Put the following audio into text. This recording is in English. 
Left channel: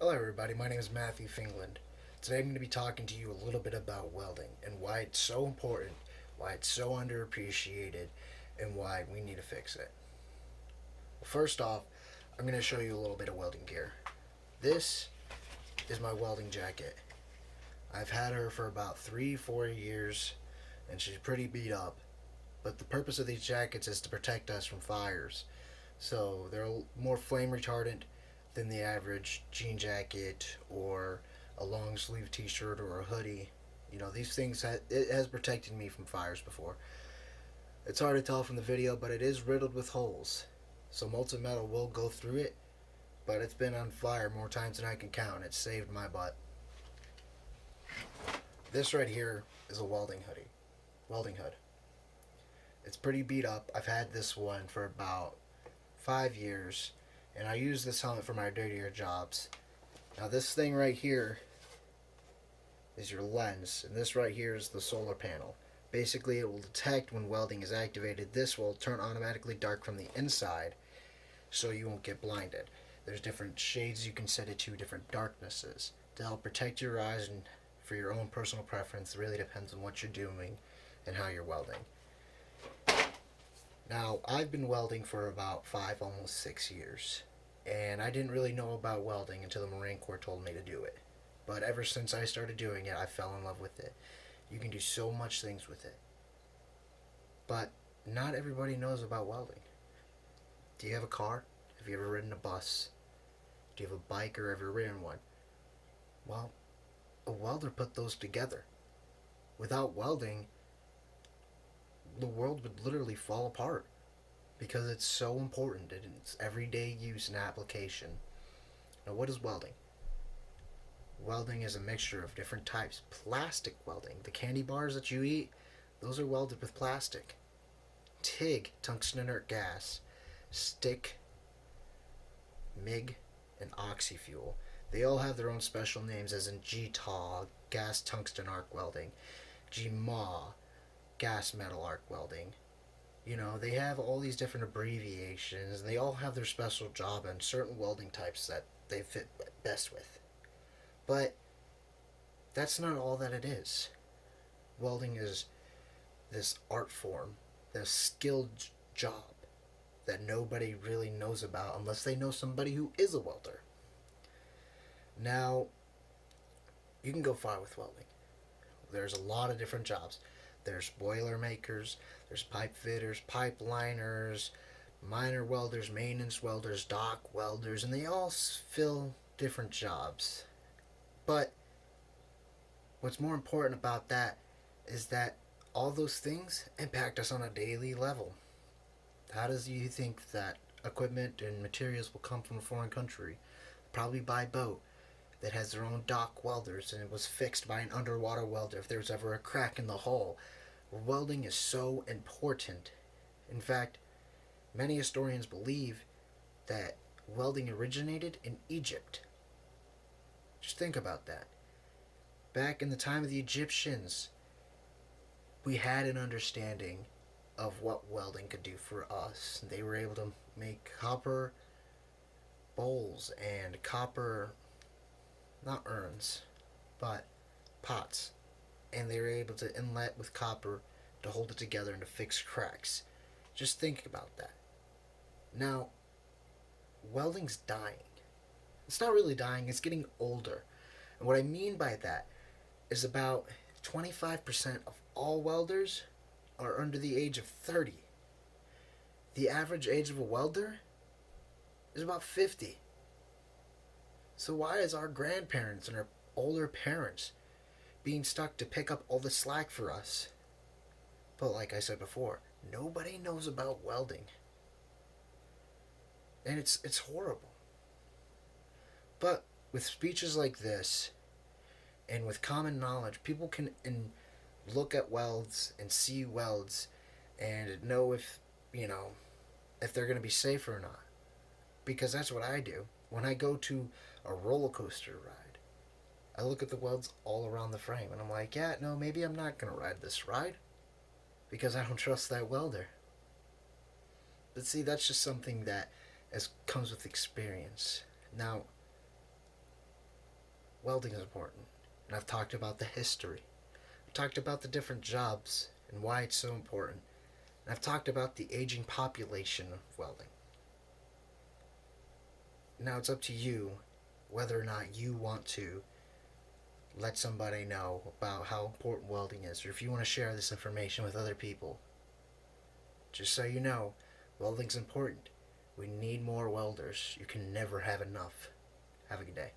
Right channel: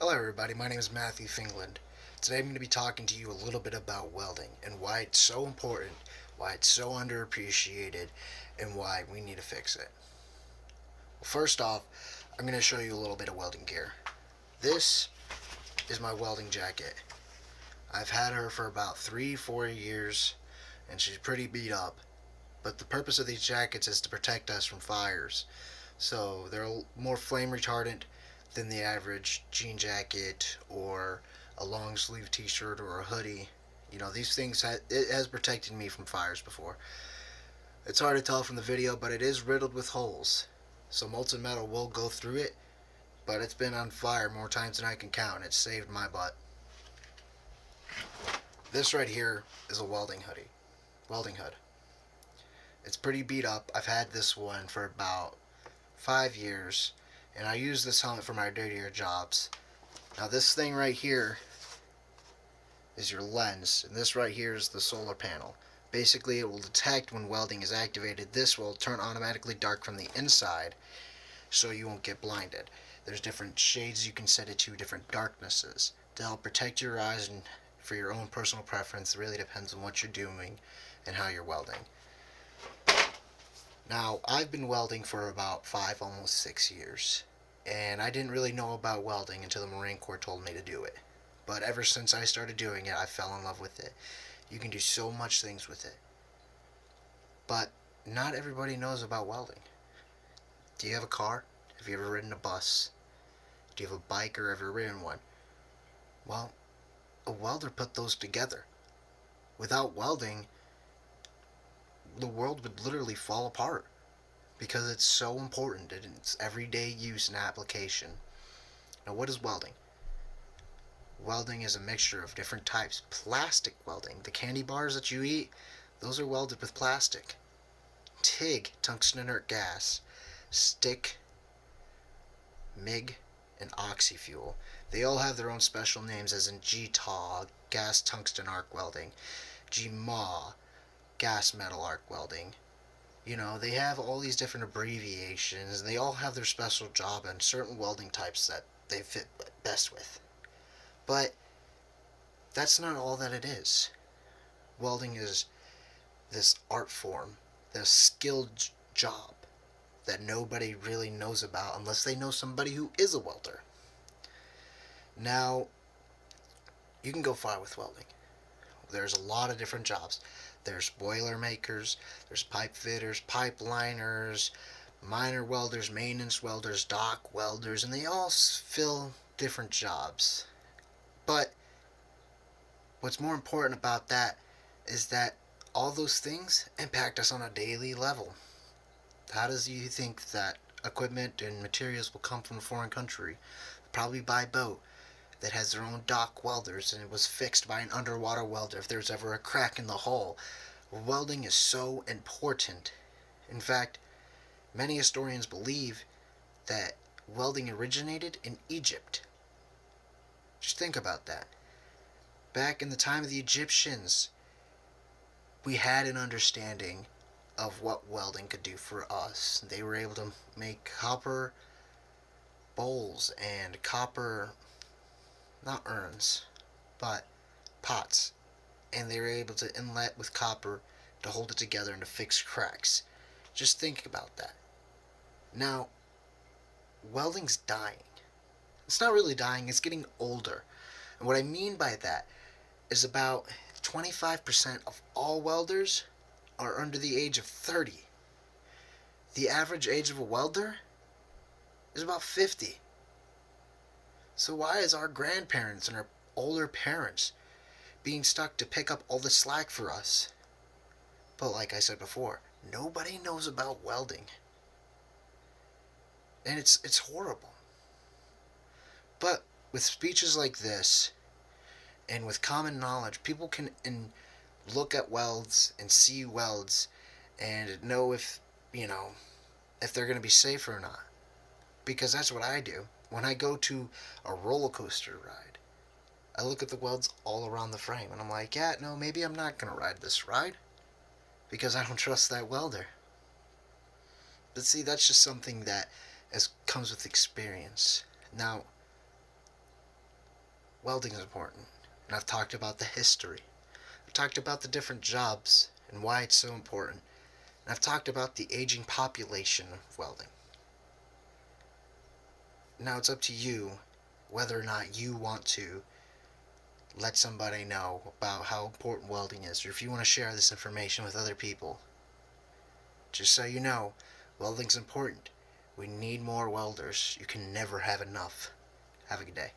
Hello everybody, my name is Matthew Fingland. Today I'm going to be talking to you a little bit about welding and why it's so important, why it's so underappreciated, and why we need to fix it. Well, first off, I'm going to show you a little bit of welding gear. This is my welding jacket. I've had her for about 3-4 years and she's pretty beat up, but the purpose of these jackets is to protect us from fires. So they're more flame retardant than the average jean jacket or a long sleeve t-shirt or a hoodie. These things it has protected me from fires before. It's hard to tell from the video, but it is riddled with holes. So molten metal will go through it, but it's been on fire more times than I can count, and it saved my butt. This right here is a welding hood. It's pretty beat up. I've had this one for about 5 years, and I use this helmet for my dirtier jobs. Now this thing right here is your lens, and this right here is the solar panel. Basically, it will detect when welding is activated. This will turn automatically dark from the inside, so you won't get blinded. There's different shades you can set it to, different darknesses. To help protect your eyes and for your own personal preference, it really depends on what you're doing and how you're welding. Now, I've been welding for about 5, almost 6 years, and I didn't really know about welding until the Marine Corps told me to do it. But ever since I started doing it, I fell in love with it. You can do so much things with it. But not everybody knows about welding. Do you have a car? Have you ever ridden a bus? Do you have a bike or ever ridden one? Well, a welder put those together. Without welding, the world would literally fall apart because it's so important in its everyday use and application. Now, what is welding? Welding is a mixture of different types. Plastic welding, the candy bars that you eat, those are welded with plastic. TIG, tungsten inert gas. Stick, MIG, and oxy-fuel. They all have their own special names, as in GTAW, gas tungsten arc welding, GMAW, gas metal arc welding. They have all these different abbreviations, and they all have their special job and certain welding types that they fit best with. But that's not all that it is. Welding is this art form, this skilled job that nobody really knows about unless they know somebody who is a welder. Now, you can go far with welding. There's a lot of different jobs. There's boiler makers, there's pipe fitters, pipe liners, minor welders, maintenance welders, dock welders, and they all fill different jobs. But what's more important about that is that all those things impact us on a daily level. How does you think that equipment and materials will come from a foreign country? Probably by boat that has their own dock welders, and it was fixed by an underwater welder if there's ever a crack in the hull. Welding is so important. In fact, many historians believe that welding originated in Egypt. Just think about that. Back in the time of the Egyptians, we had an understanding of what welding could do for us. They were able to make copper bowls and copper, not urns, but pots. And they were able to inlet with copper to hold it together and to fix cracks. Just think about that. Now, welding's dying. It's not really dying, it's getting older. And what I mean by that is about 25% of all welders are under the age of 30. The average age of a welder is about 50. So why is our grandparents and our older parents being stuck to pick up all the slack for us? But like I said before, nobody knows about welding. And it's horrible. But with speeches like this, and with common knowledge, people can look at welds and see welds and know if they're going to be safe or not. Because that's what I do. When I go to a roller coaster ride, I look at the welds all around the frame and I'm like, yeah, no, maybe I'm not going to ride this ride because I don't trust that welder. But see, that's just something that comes with experience. Now, Welding is important. And I've talked about the history. I've talked about the different jobs and why it's so important. And I've talked about the aging population of welding. Now it's up to you whether or not you want to let somebody know about how important welding is, or if you want to share this information with other people. Just so you know, welding's important. We need more welders. You can never have enough. Have a good day.